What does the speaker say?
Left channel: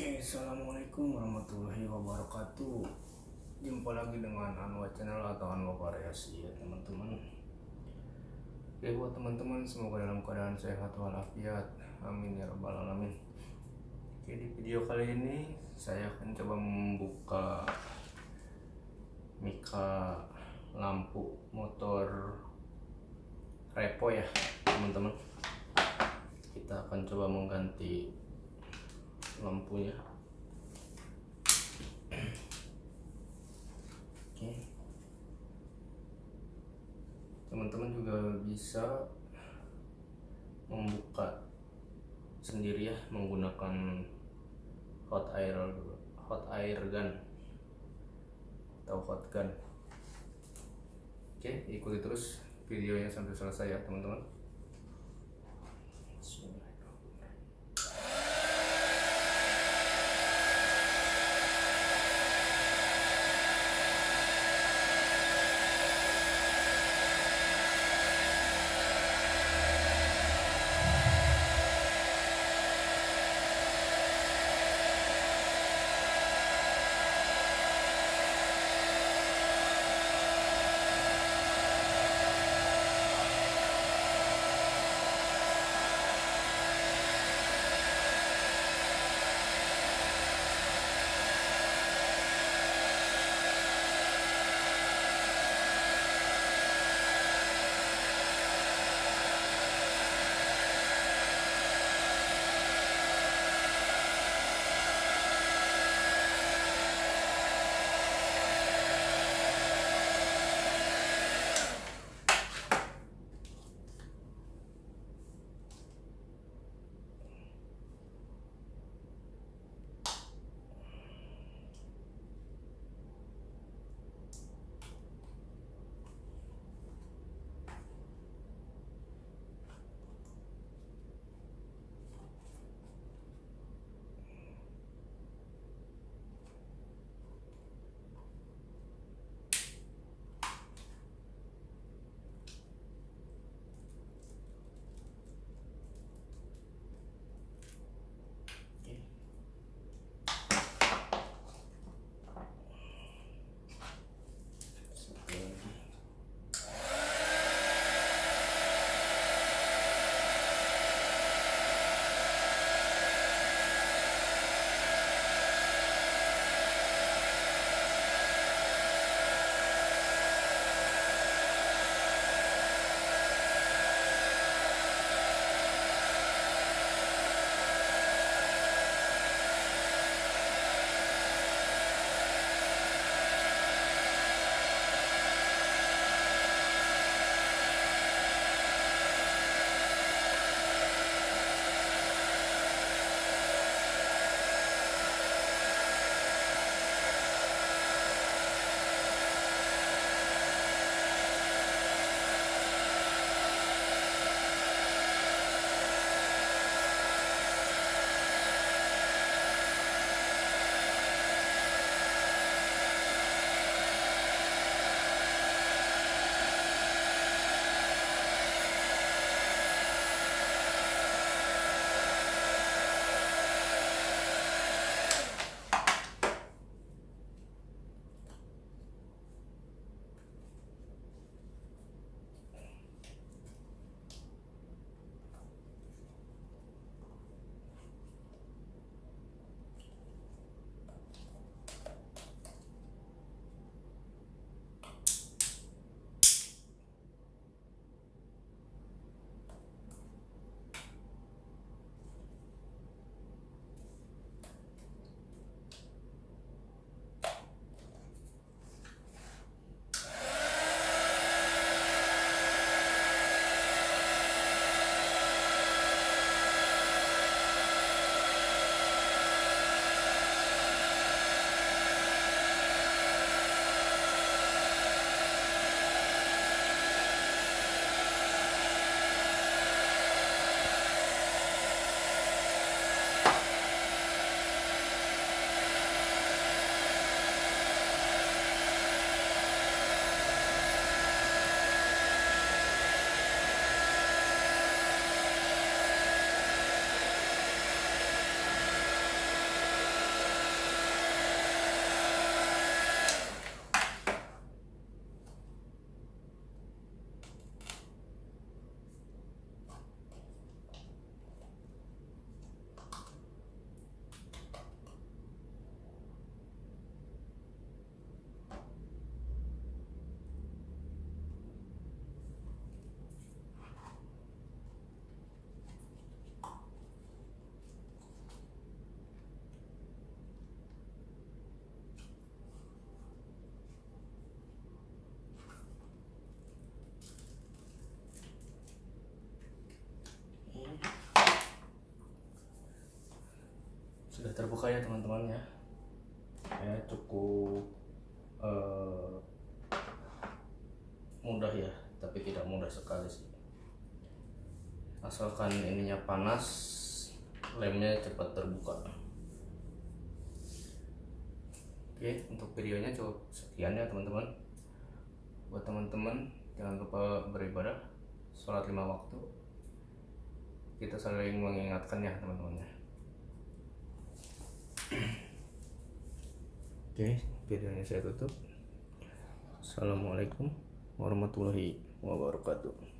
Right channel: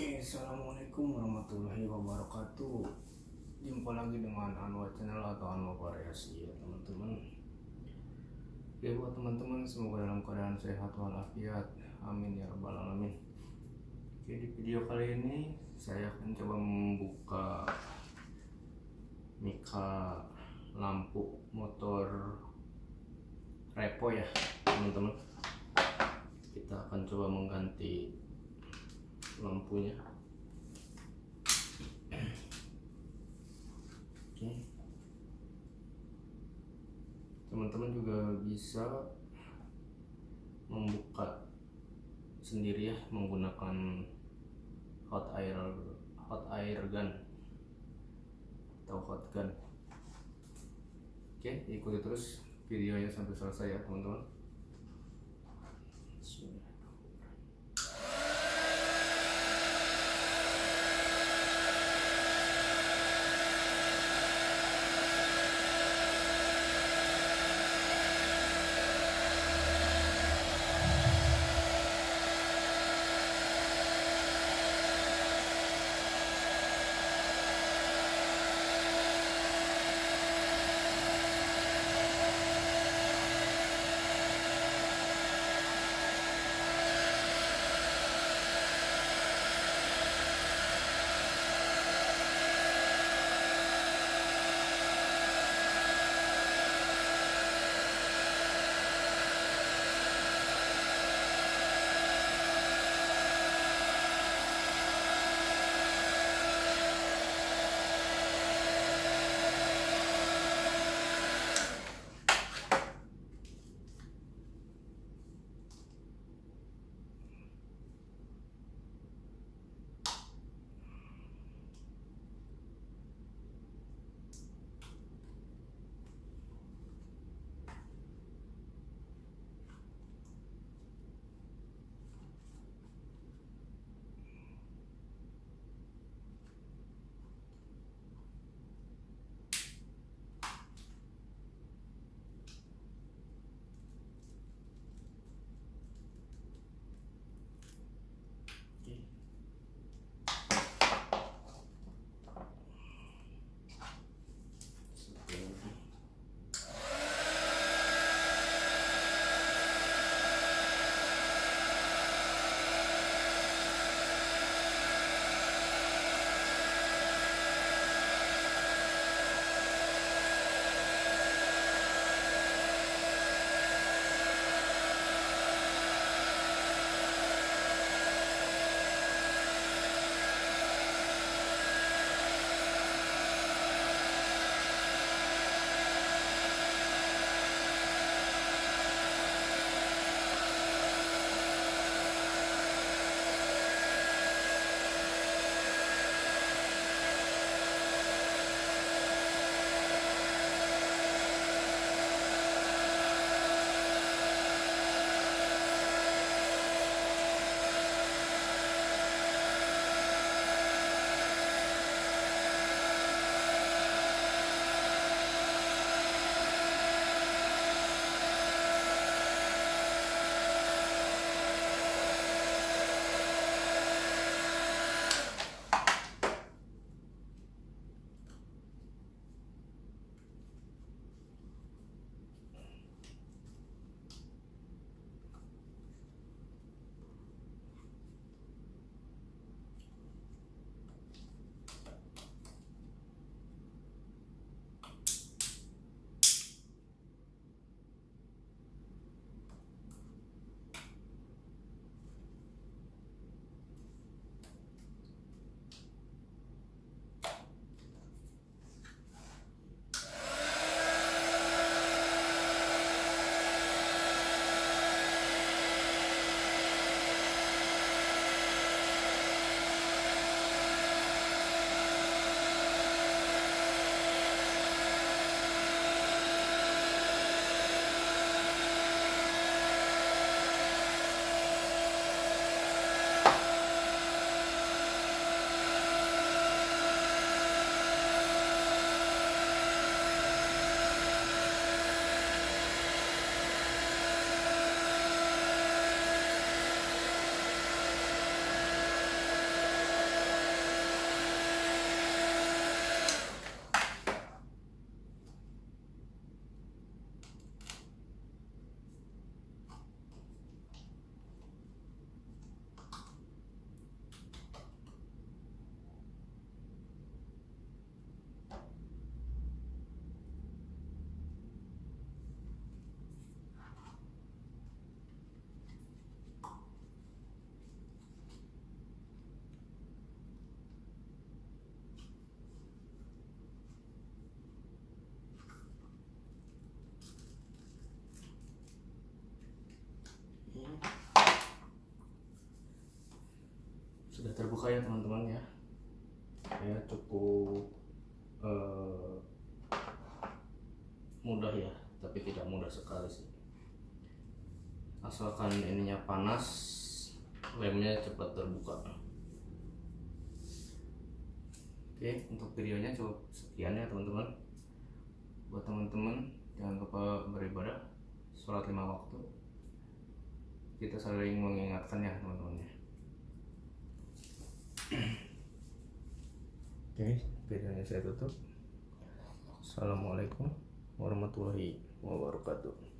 Oke, assalamualaikum warahmatullahi wabarakatuh. Jumpa lagi dengan Anwar Channel atau Anwar Variasi ya teman-teman. Oke, buat teman-teman semoga dalam keadaan sehat walafiat. Amin ya rabbal alamin. Oke, di video kali ini saya akan coba membuka mika lampu motor repo ya teman-teman. Kita akan coba mengganti lampunya. Oke, teman-teman juga bisa membuka sendiri ya menggunakan hot air gun atau hot gun. Oke, ikuti terus videonya sampai selesai ya teman-teman. sudah terbuka ya teman-teman ya. Ya cukup mudah ya, tapi tidak mudah sekali sih. Asalkan ininya panas, lemnya cepat terbuka. Oke, untuk videonya cukup sekian ya teman-teman. Buat teman-teman jangan lupa beribadah, sholat 5 waktu. Kita saling mengingatkan ya teman-teman. Oke, videonya saya tutup. Assalamualaikum warahmatullahi wabarakatuh.